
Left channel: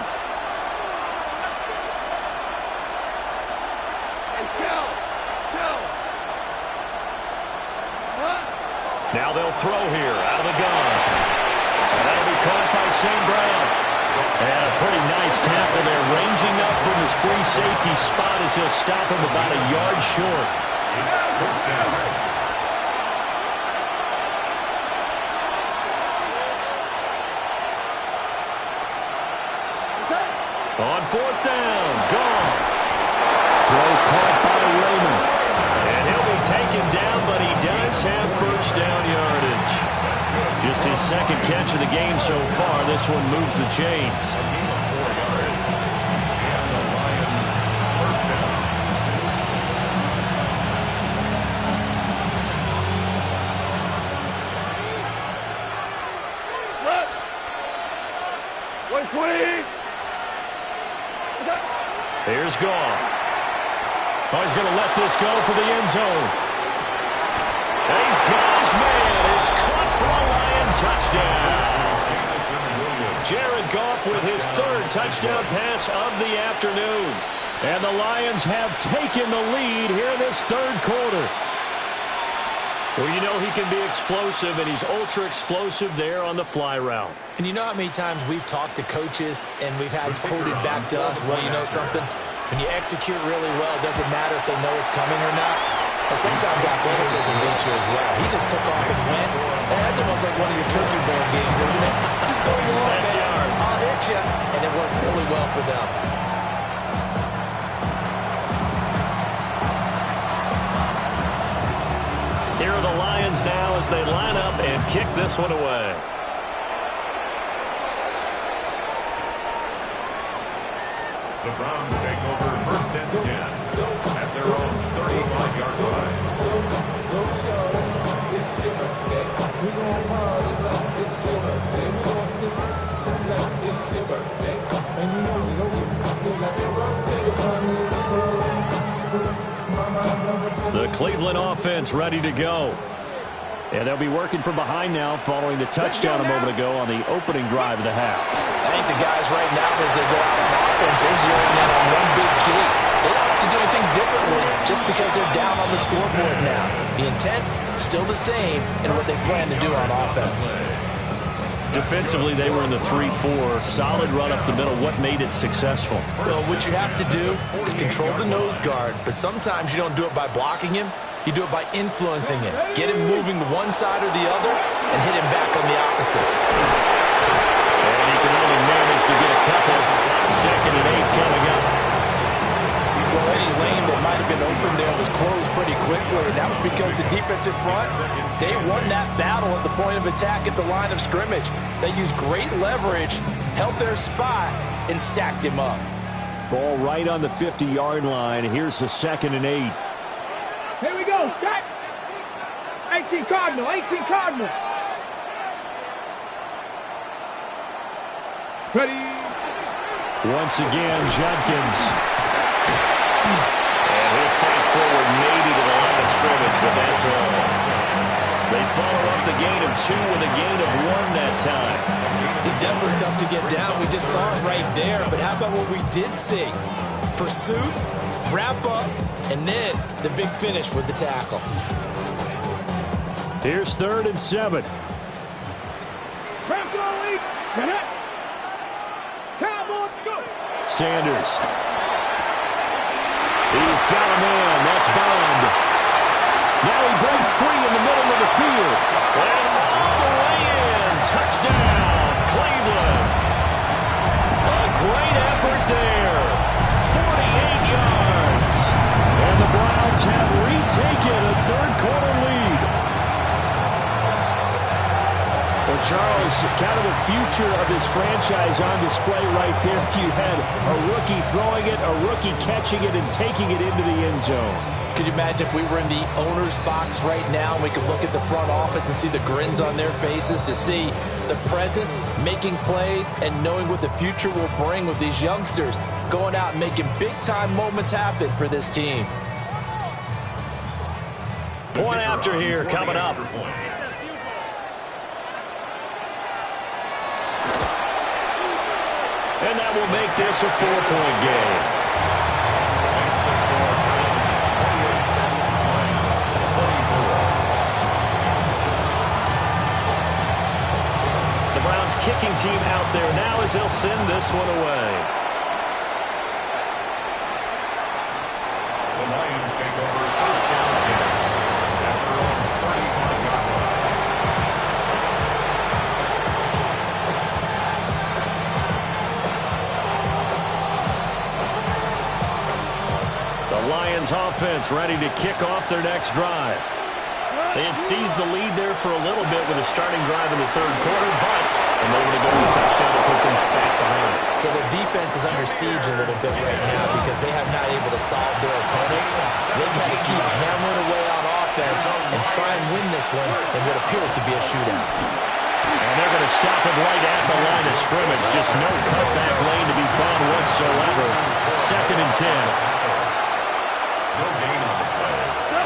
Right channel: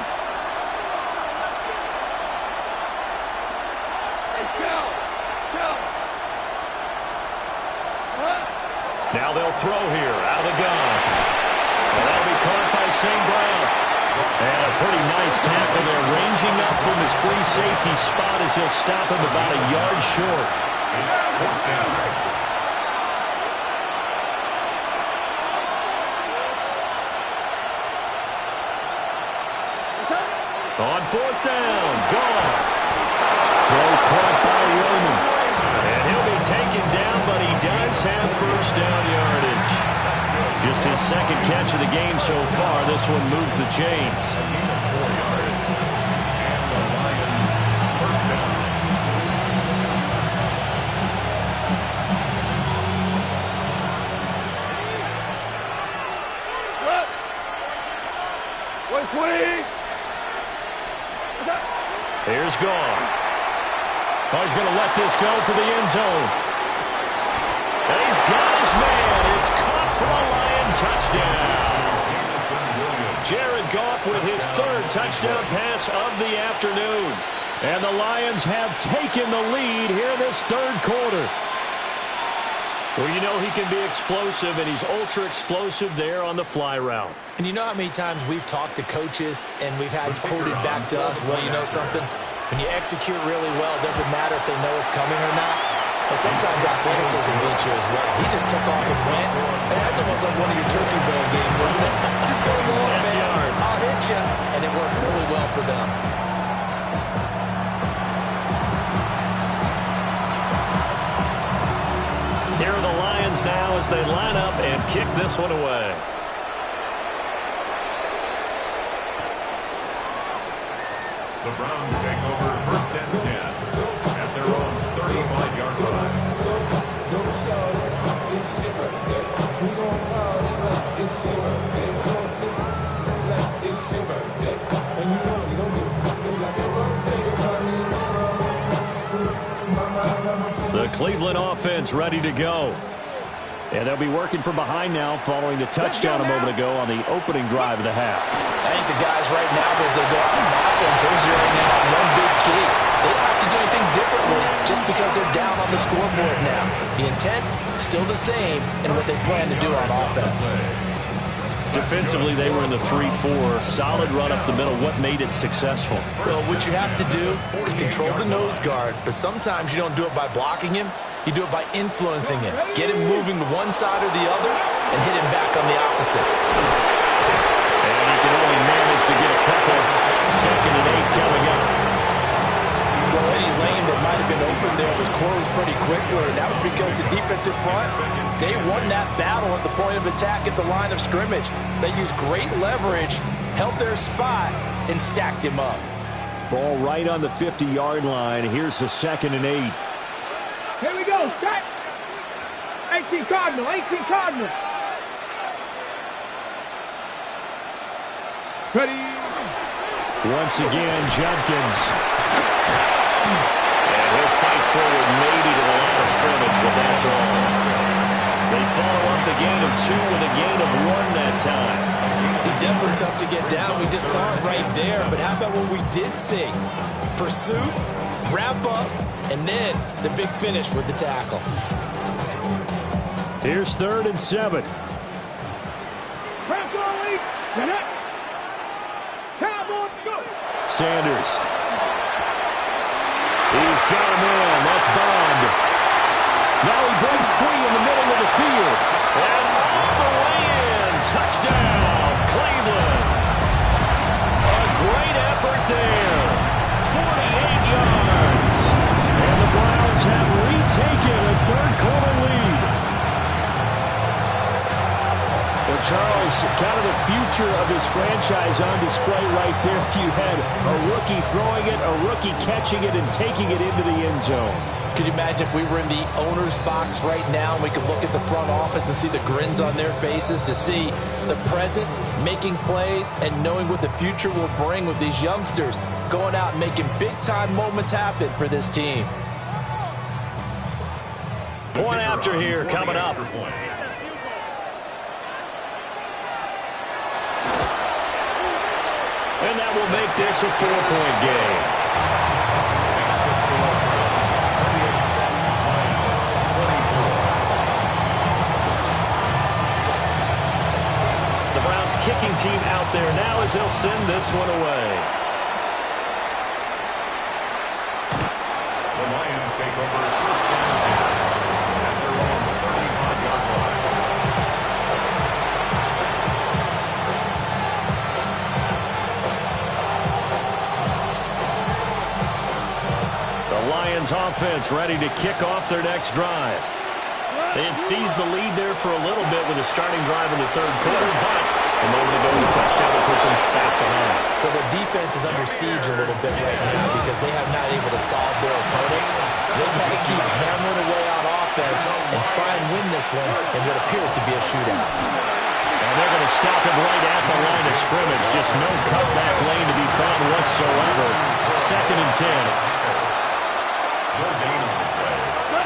Now they'll throw here out of the gun. And that'll be caught by St. Brown. And a pretty nice tackle there, ranging up from his free safety spot as he'll stop him about a yard short. On 4th down, Goff. Throw caught by Raymond. And he'll be taken down, but he does have first down yardage. Just his second catch of the game so far. This one moves the chains. Here's Goff. Oh, he's going to let this go for the end zone. And he's got his man. It's caught for a Lion touchdown. Jared Goff with his 3rd touchdown pass of the afternoon. And the Lions have taken the lead here this 3rd quarter. Well, you know he can be explosive, and he's ultra-explosive there on the fly route. And you know how many times we've talked to coaches and we've had quoted back to us, well, you know something? When you execute really well, it doesn't matter if they know it's coming or not. But sometimes athleticism beats you as well. He just took off and went. And that's almost like one of your Turkey Bowl games, isn't it? Just go long, man. I'll hit you. And it worked really well for them. Here are the Lions now as they line up and kick this one away. The Browns take over 1st and 10 at their own 35-yard line. The Cleveland offense ready to go. And they'll be working from behind now following the touchdown a moment ago on the opening drive of the half. I think the guys right now, as they go out on offense, they're zeroing in on one big key. They don't have to do anything differently just because they're down on the scoreboard now. The intent, still the same in what they plan to do on offense. Defensively, they were in the 3-4. Solid run up the middle. What made it successful? Well, what you have to do is control the nose guard, but sometimes you don't do it by blocking him. You do it by influencing him. Get him moving to one side or the other and hit him back on the opposite. And he can only manage to get a couple. 2nd and 8 coming up. Well, any lane that might have been open there was closed pretty quickly, and that was because the defensive front, they won that battle at the point of attack at the line of scrimmage. They used great leverage, held their spot, and stacked him up. Ball right on the 50-yard line. Here's the 2nd and 8. Here we go. Start. 18 Cardinal, 18 Cardinal. Ready. Once again, Judkins. And he'll fight forward maybe to the line of scrimmage, but that's all. They follow up the gain of 2 with a gain of 1 that time. He's definitely tough to get down. We just saw it right there. But how about what we did see? Pursuit, wrap up, and then the big finish with the tackle. Here's 3rd and 7. Sanders. He's got a man. That's Bond. Now he breaks free in the middle of the field. And all the way in. Touchdown, Cleveland. A great effort there. 48 yards. And the Browns have retaken a third-quarter lead. Well, Charles, kind of the future of this franchise on display right there. You had a rookie throwing it, a rookie catching it, and taking it into the end zone. Could you imagine if we were in the owner's box right now and we could look at the front office and see the grins on their faces, to see the present making plays and knowing what the future will bring with these youngsters going out and making big-time moments happen for this team. Point after here coming up. And that will make this a 4-point game. Makes the score 48-24. The Browns kicking team out there now as they'll send this one away. The Lions take over 1st down 10 at their own 35-yard line. The Lions offense ready to kick off their next drive. They had seized the lead there for a little bit with a starting drive in the 3rd quarter, but a moment ago the touchdown that puts them back behind. So their defense is under siege a little bit right now because they have not able to solve their opponents. They've got to keep hammering away on offense and try and win this one in what appears to be a shootout. And they're going to stop him right at the line of scrimmage. Just no cutback lane to be found whatsoever. 2nd and 10. No gain on the play.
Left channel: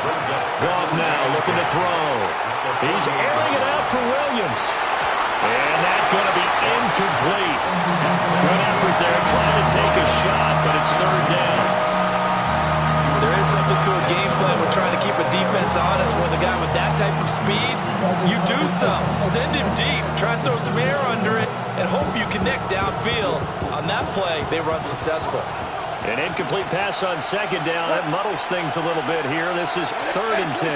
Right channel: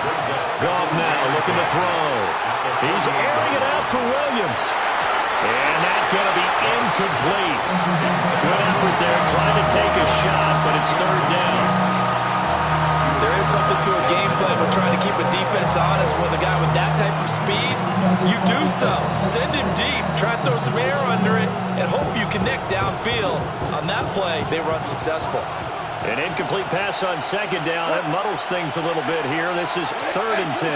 Brings up Goff now looking to throw. He's airing it out for Williams. And that's going to be incomplete. Good effort there trying to take a shot, but it's 3rd down. There is something to a game plan with trying to keep a defense honest with a guy with that type of speed. You do so. Send him deep. Try and throw some air under it and hope you connect downfield. On that play, they were unsuccessful. An incomplete pass on 2nd down. That muddles things a little bit here. This is 3rd and 10.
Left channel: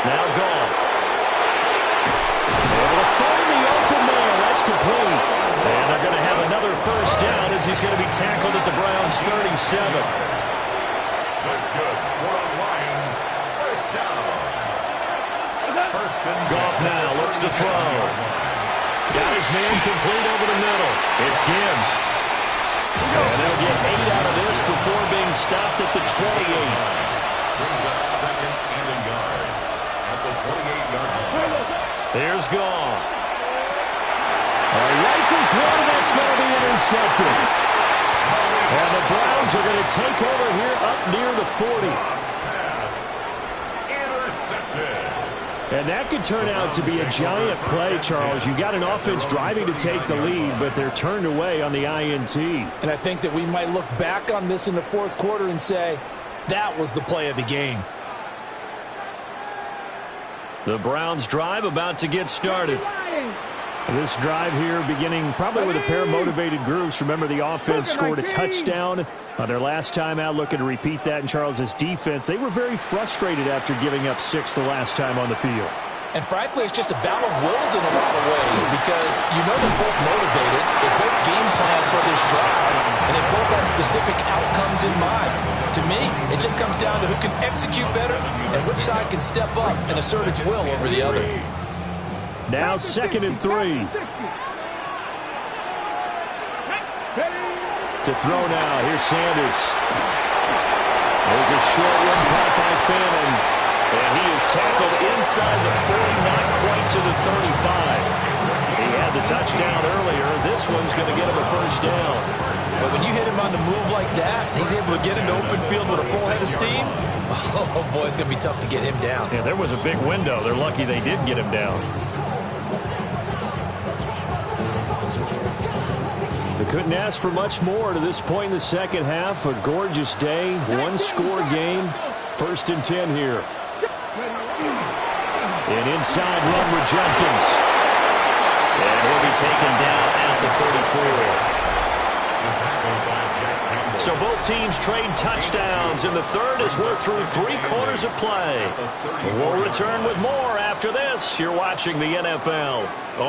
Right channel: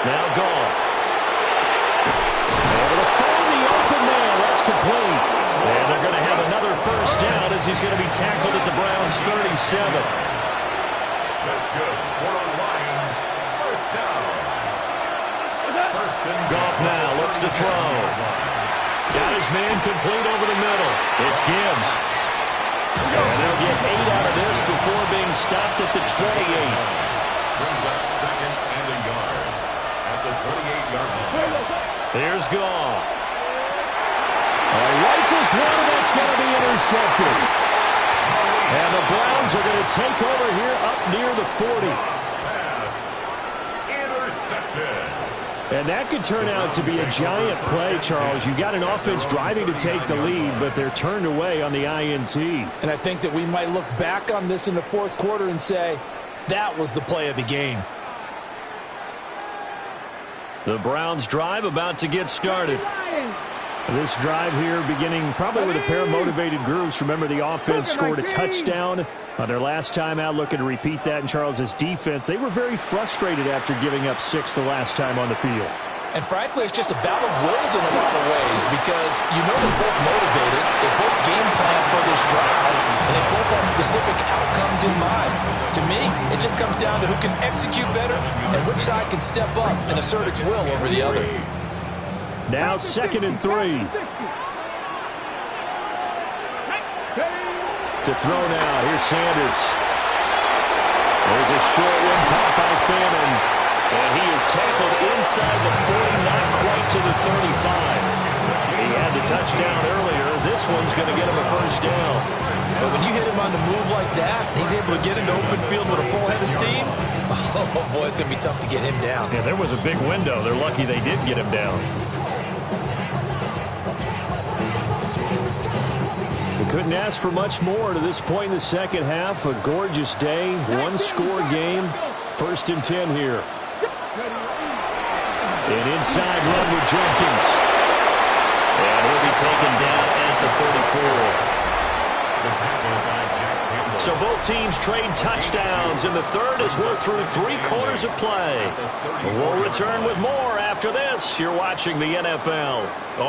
Now Goff. Able to find the open man. That's complete. And they're going to have another 1st down as he's going to be tackled at the Browns' 37. That's good. For the Lions, 1st down. 1st and 10. Goff now looks to throw. Got his man complete over the middle. It's Gibbs. And they'll get 8 out of this before being stopped at the 28. Brings up 2nd and a yard at the 28-yard line. There's Goff. Rifles one, that's going to be intercepted. And the Browns are going to take over here up near the 40. Pass intercepted. And that could turn out to be a giant play, Charles. You got an offense driving to take the lead, but they're turned away on the INT. And I think that we might look back on this in the 4th quarter and say, that was the play of the game. The Browns drive about to get started. This drive here beginning probably with a pair of motivated groups. Remember, the offense scored a touchdown on their last time out, looking to repeat that in Charles's defense. They were very frustrated after giving up 6 the last time on the field. And frankly, it's just a battle of wills in a lot of ways because you know they're both motivated, they both game plan for this drive, and they both have specific outcomes in mind. To me, it just comes down to who can execute better and which side can step up and assert its will over the other. Now 2nd and 3. To throw now. Here's Sanders. There's a short one caught by Fannin. And he is tackled inside the 40, not quite to the 35. He had the touchdown earlier. This one's going to get him a first down. But when you hit him on the move like that, he's able to get into open field with a full head of steam, oh, boy, it's going to be tough to get him down. Yeah, there was a big window. They're lucky they did get him down. They couldn't ask for much more to this point in the second half. A gorgeous day, one-score game. 1st and 10 here. An inside run with Jenkins. And he'll be taken down at the 34. The tackle by Jack Campbell. So both teams trade touchdowns in the third as we're through 3 quarters of play. We'll return with more after this. You're watching the NFL